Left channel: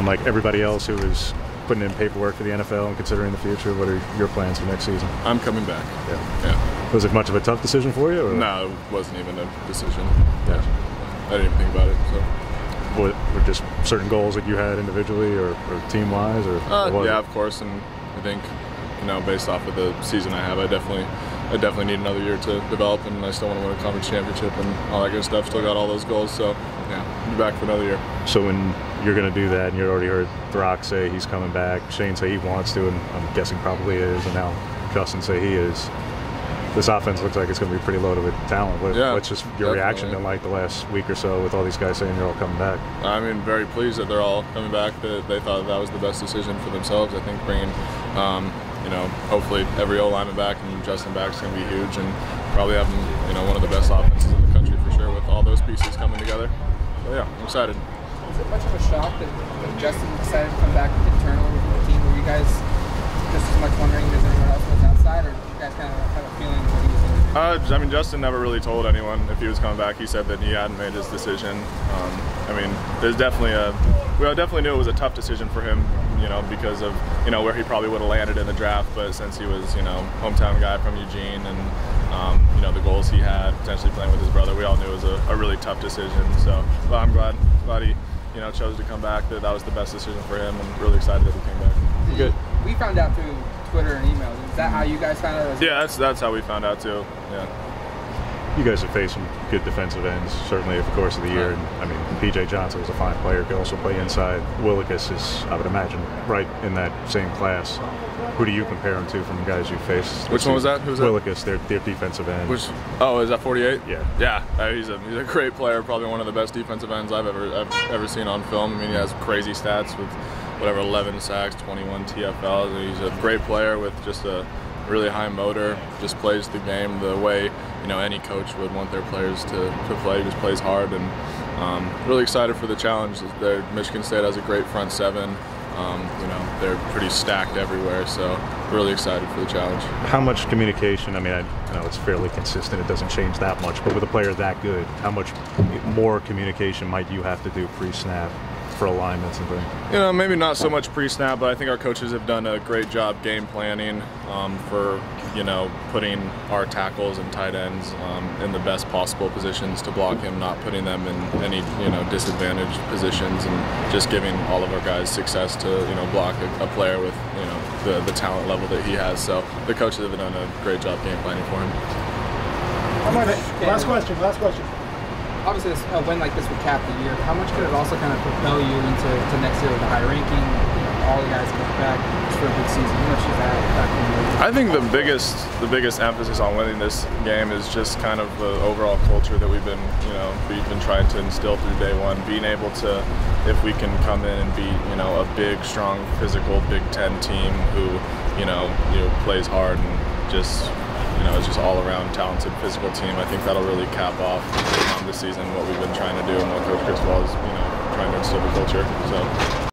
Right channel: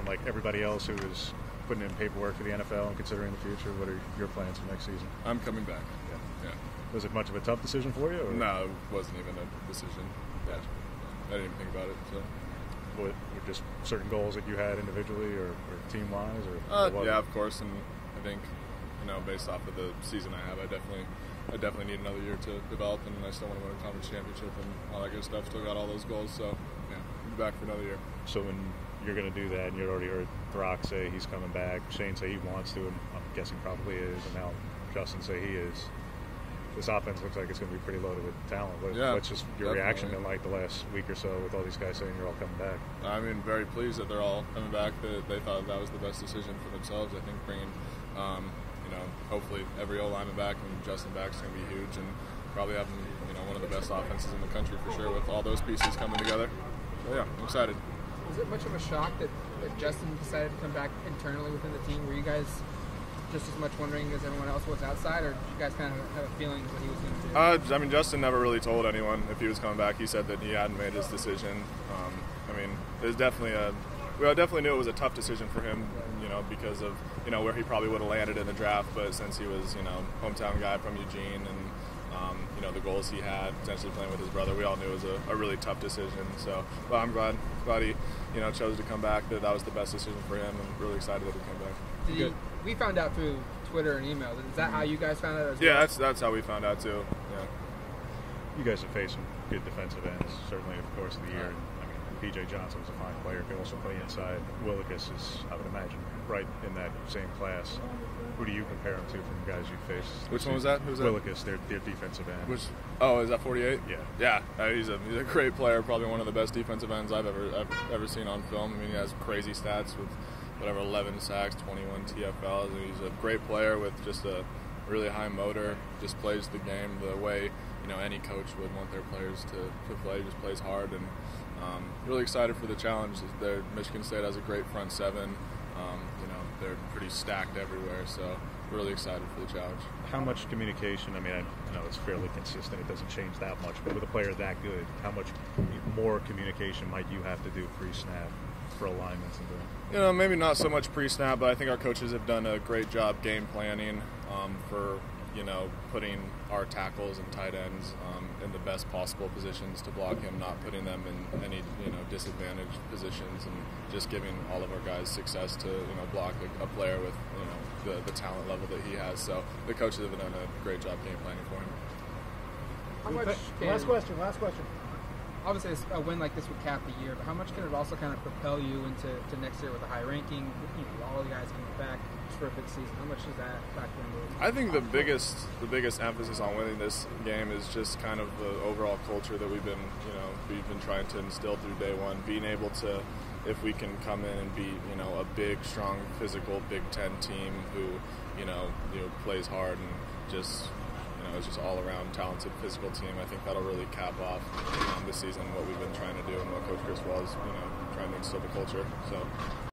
from like everybody else who is putting in paperwork for the NFL and considering the future? What are your plans for next season? I'm coming back. Yeah. Was it much of a tough decision for you? Or? No, it wasn't even a decision. Yeah. I didn't even think about it. So. Were just certain goals that you had individually or team-wise, or yeah, of course. And I think, based off of the season I have, I definitely need another year to develop, and I still want to win a conference championship and all that good stuff. Still got all those goals, so yeah, I'll be back for another year. So when you're going to do that, and you already heard Brock say he's coming back, Shane say he wants to, and I'm guessing probably is, and now Justin say he is. This offense looks like it's going to be pretty loaded with talent. What's just your reaction been like the last week or so with all these guys saying you're all coming back? I mean, very pleased that they're all coming back. That they thought that was the best decision for themselves. I think bringing, hopefully every O-lineman back and Justin back is going to be huge, and probably having, one of the best offenses in the country for sure with all those pieces coming together. So, yeah, I'm excited. Was it much of a shock that Justin decided to come back internally within the team? Were you guys just as much wondering as anyone else was outside, or did you guys kind of have a feeling what he was doing? I mean, Justin never really told anyone if he was coming back. He said that he hadn't made his decision. We definitely knew it was a tough decision for him, because of, where he probably would have landed in the draft. But since he was, hometown guy from Eugene, and, the goals he had, potentially playing with his brother, we all knew it was a really tough decision. So, well, I'm glad he, chose to come back. That was the best decision for him, and really excited that he came back. Good. We found out through Twitter and email. Is that how you guys found out? Yeah, that's how we found out too. Yeah. You guys have faced some good defensive ends, certainly over the course of the year. And I mean, P.J. Johnson was a fine player, could also play inside. Willikis is, I would imagine, right in that same class. Who do you compare him to from guys you faced? Which one was that? Who was that? Willikis, their defensive end. Is that 48? Yeah. Yeah, he's a great player, probably one of the best defensive ends I've ever seen on film. I mean, he has crazy stats with 11 sacks, 21 TFLs. He's a great player with just a really high motor, just plays the game the way any coach would want their players to play. He just plays hard, and really excited for the challenge. Michigan State has a great front seven. They're pretty stacked everywhere, so really excited for the challenge. How much communication, I mean, I know it's fairly consistent, it doesn't change that much, but with a player that good, how much more communication might you have to do pre-snap for alignments and things? Maybe not so much pre-snap, but I think our coaches have done a great job game planning for, putting our tackles and tight ends in the best possible positions to block him, not putting them in any, disadvantaged positions, and just giving all of our guys success to, block a player with, the talent level that he has. So the coaches have done a great job game planning for him. Last question. Obviously, a win like this would cap the year. How much could it also kind of propel you into next year with a high ranking? All the guys come back for a big season. How much is that factoring in? I think the biggest emphasis on winning this game is just kind of the overall culture that we've been trying to instill through day one. Being able to, if we can come in and beat a big, strong, physical Big Ten team who plays hard and just. It's just all-around talented physical team. I think that'll really cap off this season what we've been trying to do and what Coach Criswell is, trying to instill the culture. So.